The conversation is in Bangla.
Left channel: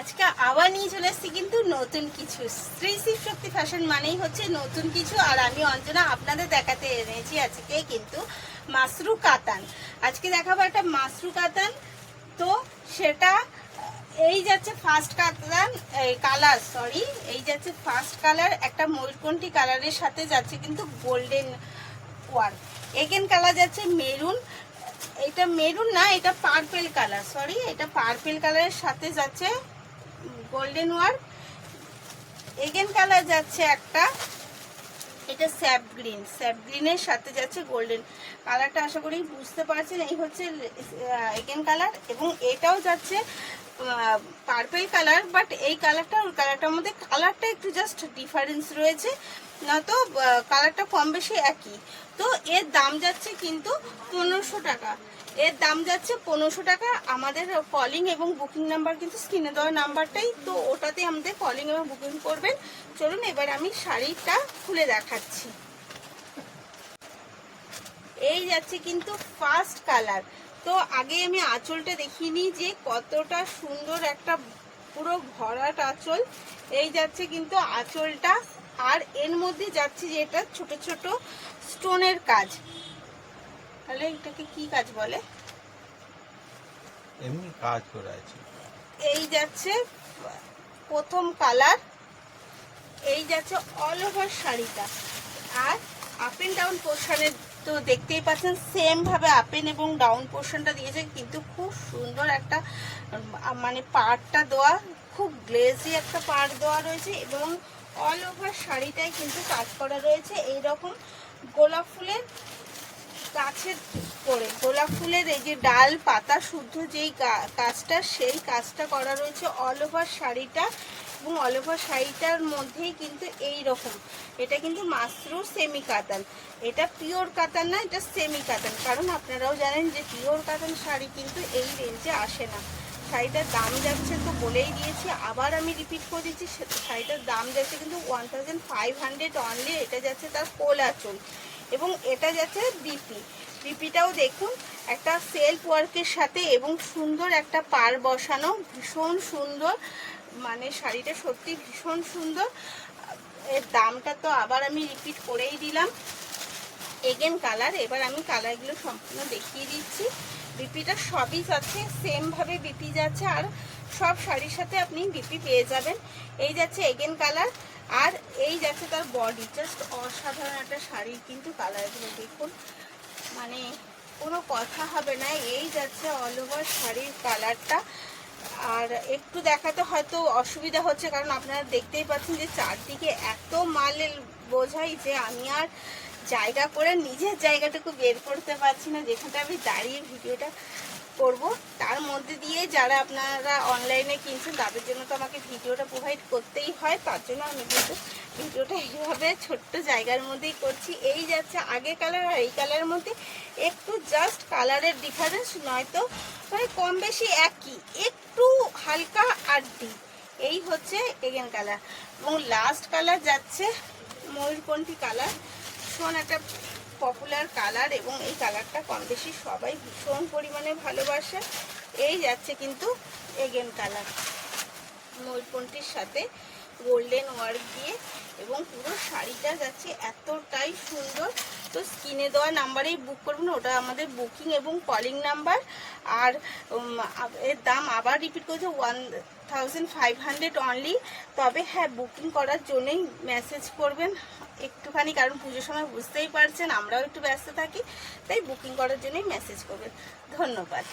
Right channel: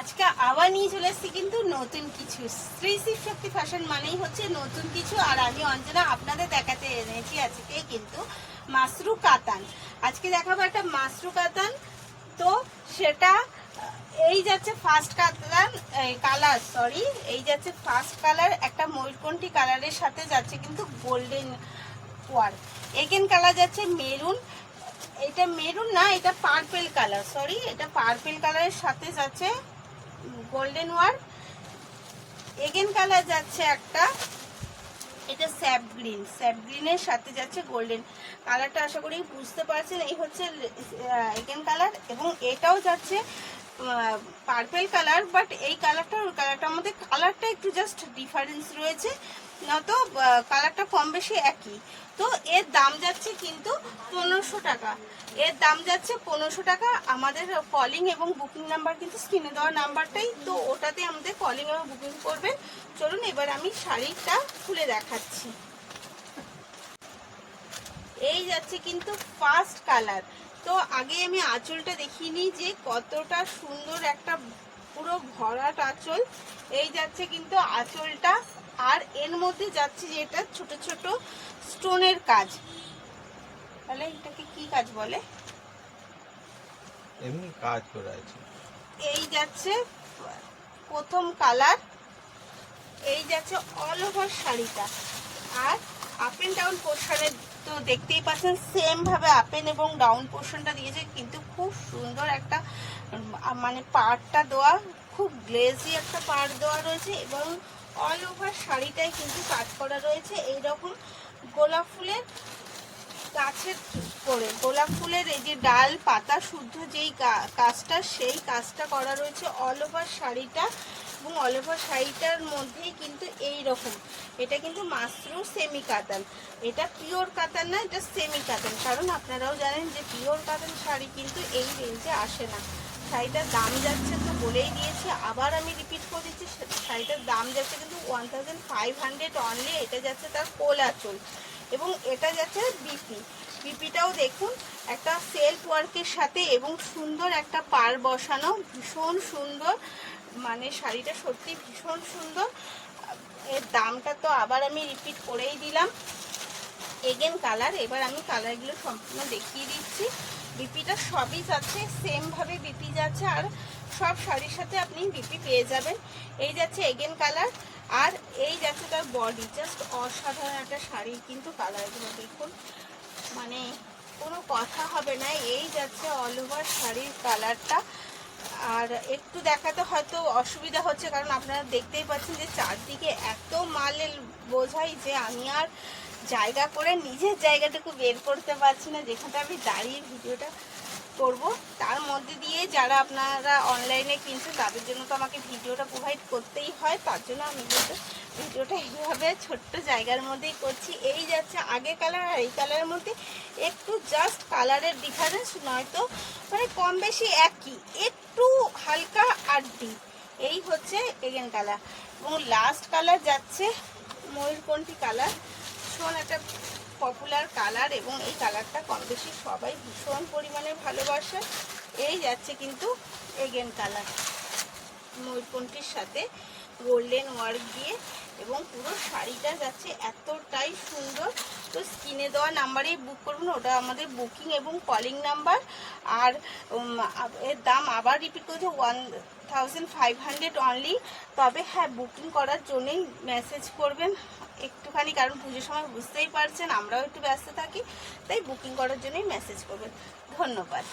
আজকে আবার নিয়ে চলে এসেছি কিন্তু নতুন কিছু। শ্রী শিব শক্তি ফ্যাশন মানেই হচ্ছে নতুন কিছু। আর আমি অঞ্জনা আপনাদের দেখাতে এনেছি আজকে কিন্তু মাশরু কাতান। আজকে দেখাবো একটা মাশরু কাতান। তো সেটা এই যাচ্ছে ফার্স্ট কাতান কালার, সরি এই যাচ্ছে ফার্স্ট কালার, একটা ময়ূরকণ্ঠী কালারের সাথে যাচ্ছে কিন্তু গোল্ডেন ওয়ার্ক। এগেন কালার যাচ্ছে মেরুন, এটা মেরুন না, এটা পার্পেল কালার, সরি এটা পার্পেল কালারের সাথে যাচ্ছে গোল্ডেন ওয়ার্ক। এগেন কালার যাচ্ছে একটা, এটা স্যাপ গ্রিন, স্যাপ গ্রিনের সাথে যাচ্ছে গোল্ডেন কালারটা। আশা করি বুঝতে পারছেন, এই হচ্ছে এগেন কালার। এবং এটাও যাচ্ছে পার্পেল কালার, বাট এই কালারটা ওই কালারটার মধ্যে কালারটা একটু জাস্ট ডিফারেন্স রয়েছে, না তো কালারটা কম বেশি একই। তো এর দাম যাচ্ছে কিন্তু 1500 টাকা। এর দাম যাচ্ছে 1500 টাকা। আমাদের কলিং এবং বুকিং নাম্বার কিন্তু স্ক্রিনে দেওয়া নাম্বারটাই, তো ওটাতে আমাদের কলিং এবং বুকিং করবেন। চলুন এবার আমি শাড়িটা খুলে দেখাচ্ছি। এই যাচ্ছে কিন্তু ফার্স্ট কালার। তো আগে আমি আঁচলটা দেখিয়ে নিই যে কতটা সুন্দর একটা পুরো ভরাট আঁচল। এই যাচ্ছে কিন্তু আঁচলটা, আর এর মধ্যে যাচ্ছে যেটা ছোট ছোট স্টোনের কাজ। তাহলে এটাকে কি কাজ বলে? এমনি কাজ করা আছে। এই যাচ্ছে প্রথম কালার, এই যাচ্ছে অল ওভার শাড়িটা। আর আপ এন্ড ডাউন পোর্শনে তো দেখতেই পাচ্ছেন সেম ভাবে আপ এন্ড এবং ডাউন পোর্শনটা দিয়েছে, কিন্তু খুব সুন্দর একটা মানে পাড়টা দেওয়া, খুব গ্লেজি একটা পাড় দেওয়া রয়েছে। এবং অল ওভার শাড়িটাই কিন্তু কাজ করা রয়েছে এইরকম গোলাপ ফুলের গাছের করে, গোলাপ ফুলের এই যে ডাল পাতা শুদ্ধ যেই কাজটা, সেই কাজটা করা রয়েছে অল ওভার শাড়িটা। এবং অল ওভার শাড়িটার মধ্যেই কিন্তু এই রকম, এটা কিন্তু মাশরু সেমি কাতান, এটা পিওর কাতান না, এটা সেমি কাতান। কারণ আপনারাও জানেন যে পিওর কাতান শাড়ি কিন্তু এই রেঞ্জে আসে না। শাড়িটার দাম যাচ্ছে তো বলেই দিয়েছি, আবার আমি রিপিট করে দিচ্ছি, শাড়িটার দাম যাচ্ছে কিন্তু 1500 অনলি। এটা যাচ্ছে তার কোল আঁচল, এবং এটা যাচ্ছে বিপিটাও দেখুন একটা সেলফ ওয়ার্কের সাথে, এবং সুন্দর একটা পাড় বসানো, ভীষণ সুন্দর। মানে শাড়িটা সত্যি ভীষণ সুন্দর। এর দামটা তো আবার আমি রিপিট করেই দিলাম। এগেন কালার, এবার আমি কালারগুলো সম্পূর্ণ দেখিয়ে দিচ্ছি। বিপিটা সবই যাচ্ছে সেম ভাবে বিপি যাচ্ছে, আর সব শাড়ির সাথে আপনি বিপি পেয়ে যাবেন। এই যাচ্ছে এগেন কালার, আর এই যাচ্ছে তার বডি। জাস্ট অসাধারণ একটা শাড়ির কিন্তু কালারগুলো দেখুন, মানে কোনো কথা হবে না। এই যাচ্ছে অল ওভার শাড়ির কালারটা। আর একটু দেখাতে হয়তো অসুবিধা হচ্ছে, কারণ আপনারা দেখতেই পাচ্ছেন যে চারদিকে এত মালের বোঝাই যে আমি আর জায়গা করে নিজের জায়গাটুকু বের করতে পারছি না, যেখানটা আমি দাঁড়িয়ে ভিডিওটা করব। তার মধ্যে দিয়ে যারা আপনারা অনলাইনে কিনছেন তাদের জন্য তো আমাকে ভিডিওটা প্রোভাইড করতেই হয়, তার জন্য আমি কিন্তু ভিডিওটা এইভাবে ছোট্ট জায়গার মধ্যেই করছি। এই যাচ্ছে আগের কালার আর এই কালারের মধ্যে একটু জাস্ট কালারের ডিফারেন্স, নয়তো মানে কম বেশি একই, একটু হালকা আর ডিপ। এই হচ্ছে এগেন কালার। এবং লাস্ট কালার যাচ্ছে ময়ূরকণ্ঠী কালার, ভীষণ একটা পপুলার কালার, এবং এই কালারটা কম বেশি সবাই ভীষণ পরিমাণে ভালোবাসে। এই যাচ্ছে কিন্তু এগেন কালার, ময়ূরকণ্ঠীর সাথে গোল্ডেন ওয়ার্ক দিয়ে, এবং পুরো শাড়িটা যাচ্ছে এতটাই সুন্দর। তো স্ক্রিনে দেওয়া নাম্বারেই বুক করবেন, ওটা আমাদের বুকিং এবং কলিং নাম্বার। আর এর দাম আবার রিপিট করছে 1500 অনলি। তবে হ্যাঁ, বুকিং করার জন্যই মেসেজ করবেন একটুখানি, কারণ পুজোর সময় বুঝতেই পারছেন আমরাও একটু ব্যস্ত থাকি, তাই বুকিং করার জন্যই মেসেজ করবেন। ধন্যবাদ।